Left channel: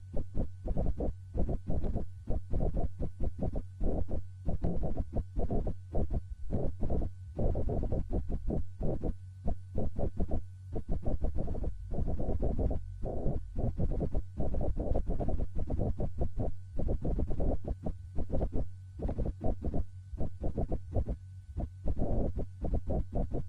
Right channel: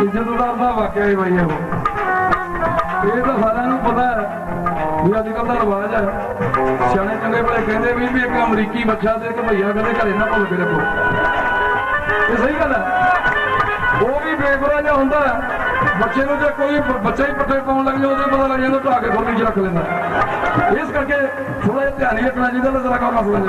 ਇੱਜ਼ਤਦਾਰ ਦਾ ਵਾਕਿਆ ਹੀ ਬਈ ਇਹ ਇਹ ਤਾਂ ਸਾਰਿਆਂ ਨੂੰ ਪਤਾ ਹੈ ਵੀ ਅੱਜ ਕੱਲ ਦਾ ਰਿਵਾਜ ਹੈ। ਸਿਆਣੇ ਚੰਗੇ ਬੜੇ ਕਹਿੰਦੇ ਵੀ ਵੀ ਇੱਕ ਅਮਰੀਕੀ ਬੱਚਾ ਤੇ ਇੱਕ ਭਈਆ ਕਦੇ ਘਰੇ ਨਾ ਭੁੱਲ ਕੇ ਰੱਖੋ। ਇਹ ਸਹੀ ਗੱਲ ਹੈ। ਉਹ ਵੀ ਬੇਗੁਰਾ ਜਿਹਾ ਹੁੰਦਾ ਬੱਚੇ ਨੂੰ ਜੇ ਕੋਈ ਬੱਚਾ ਹੀ ਪੱਠੇ ਪਾਉਣ ਲੱਗ ਜਾਏ ਉਹਦੇ ਪਤਾ ਲੱਗ ਜਾਂਦਾ ਢਾ ਕੇ ਖੋਲੀ 'ਚ ਰੱਖ ਲੈਂਦਾ ਇਸ ਕਰਕੇ ਥੋੜਾ ਜਿਹਾ ਧਿਆਨ ਹੀ ਰੱਖਣਾ ਚਾਹੀਦਾ ਨਾ ਜ਼ਰਾ ਕੰਮ ਨਾ ਸਮਝੇ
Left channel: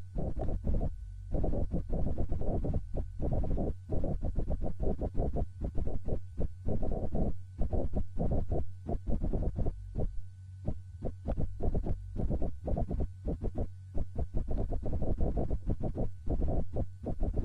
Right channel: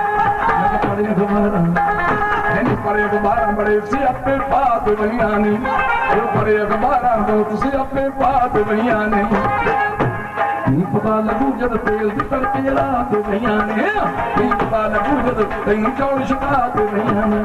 ਅਖਬਾਰਾਂ ਬੜੇ ਸਿਆਪੇ ਬਾਤ ਬਈਆਂ ਨੇ ਉਹ ਪੜ੍ਹੇ ਅਖਬਾਰਾਂ ਤੋਂ ਤੁਸੀਂ ਆਪੇ ਬਾਤ ਬਈਆਂ ਨੇ ਨਹੀਂ ਪਤਾ ਲੱਗੂ ਜਦ ਤੇਲ ਦੀ ਤੜਕੇ ਜਲਾ ਤੇ ਗਈਆਂ ਨੇ ਨਹੀਂ ਪਤਾ ਲੱਗੂ ਜਦ ਤੈਨੂੰ ਚੌਲ ਛਕਾ ਤੇ ਗਈਆਂ ਨੇ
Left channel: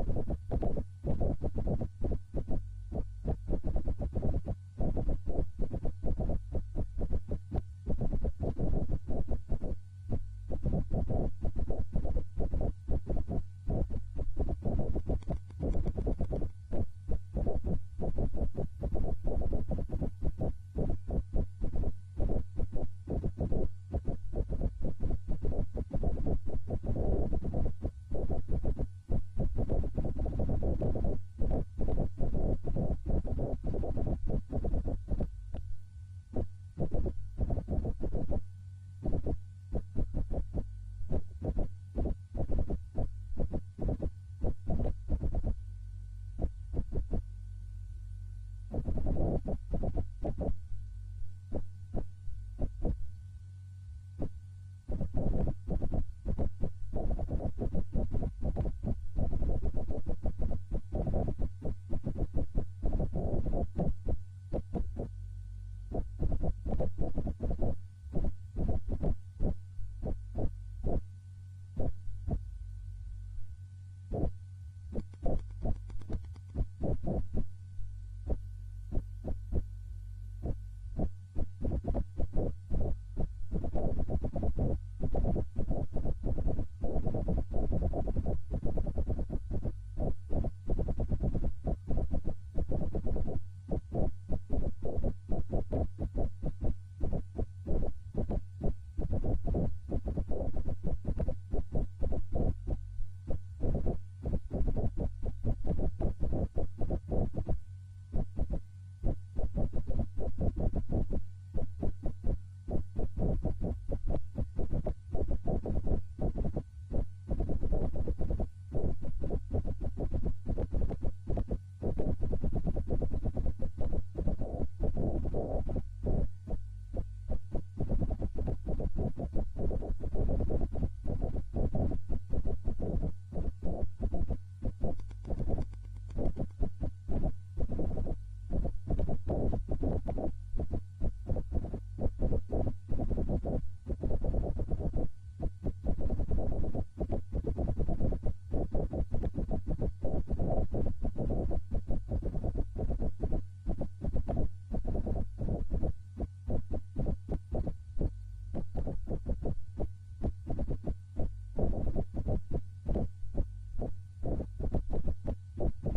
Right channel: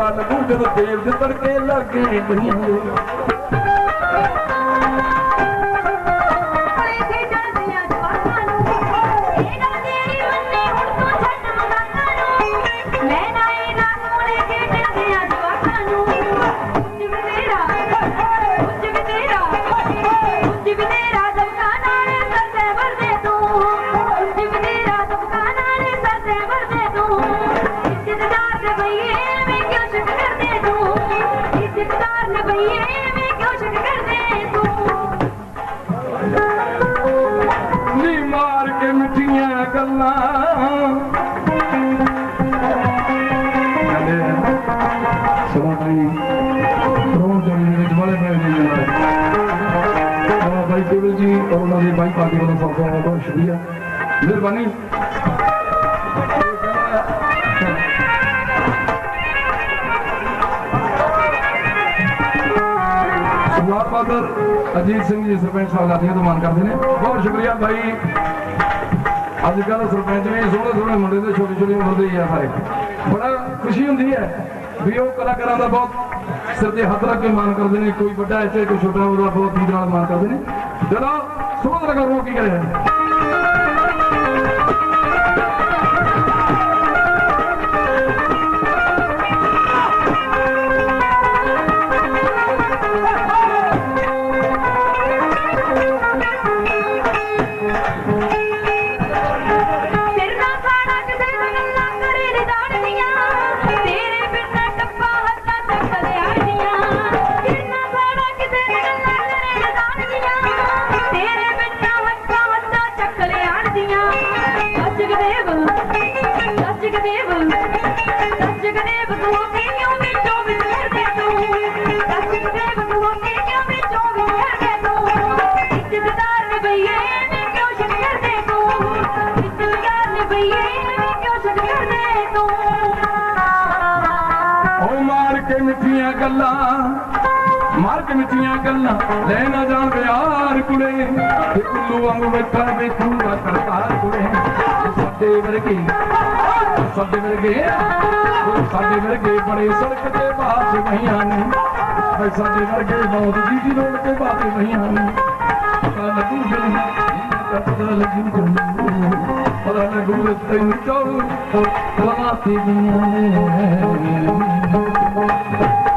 پت لڳو ديري ل ਔਰ ਬਾਈ ਪਾਰਟੀ ਵੱਲੋਂ ਬਹੁਤ ਬਹੁਤ ਬਹੁਤ ਸ਼ੁਕਰੀਆ। ਮਿਹਰਬਾਨੀ। ਸੁਭਾਰ ਬਾਦਰ ਅਜੀਤ ਸਿੰਘ ਜੀ ਸਰਪੰਚ ਸਾਹਿਬ ਲਾਦੀਆਂ ਤੋਂ ਮਾਨ ਕਰਦੇ ਨੇ। ਬਹੁਤ ਸ਼ੁਕਰੀਆ ਭਾਈ ਅੱਜ ਕੱਲ੍ਹ ਸਰਪੰਚ ਵੀ ਸੋਹਣੇ ਸੋਹਣੇ ਮੁੰਡੇ ਦੇ ਛੋਟੇ ਛੋਟੇ ਉਮਰ ਦੇ ਹੀ ਆ ਸਾਰੇ। ਬੜਾ ਖੁਸ਼ੀ ਹੁੰਦੀ ਹੈ ਵੀ ਉਹ ਕਲਾਕਾਰਾਂ ਦਾ ਬਹੁਤ ਸਿਰ ਤੇ ਹੱਥ ਰੱਖ ਕੇ ਮਾਨ ਕਰਦੇ ਨੇ। ਕੋਈ ਵੱਡਾ ਇੱਥੇ, ਕੋਈ ਛੋਟਾ, ਉਹਦਾ ਬਹੁਤ ਨੀਂਦ ਨਾਲ ਮਾਨ ਕਰਦੇ ਨੇ। ਚਲੋ சுமந்திரங்கள் நோக்குகிறது ਗੱਲਾਂ, ਮਾਰ ਕੇ ਮਿੱਠੀਆਂ ਗੱਲਾਂ, ਲੈ ਨਾ ਜਾਣ ਪਿਆਰ ਕੁੜੇ। ਤੇ ਉੱਲੂ ਵਾਂਗ ਬੈਠਾ ਵੇਖੂਗਾ ਕਰਤਾਰ ਕੁੜੇ। ਸਾਡੇ ਵਰਗੇ ਸਾਡੇ ਵਰਗੇ ਸਾਡੇ ਵਰਗੇ ਬੜੇ ਸੜਕ ਤੇ ਬਾਸ ਮਹੀਆਂ ਨੇ। ਸਾਡੇ ਵਰਗੇ ਬਹੁਤ ਜੀ ਦੀ ਰੋਡ ਤੇ ਬਾਸ ਮਹੀਆਂ ਨੇ। Thank you.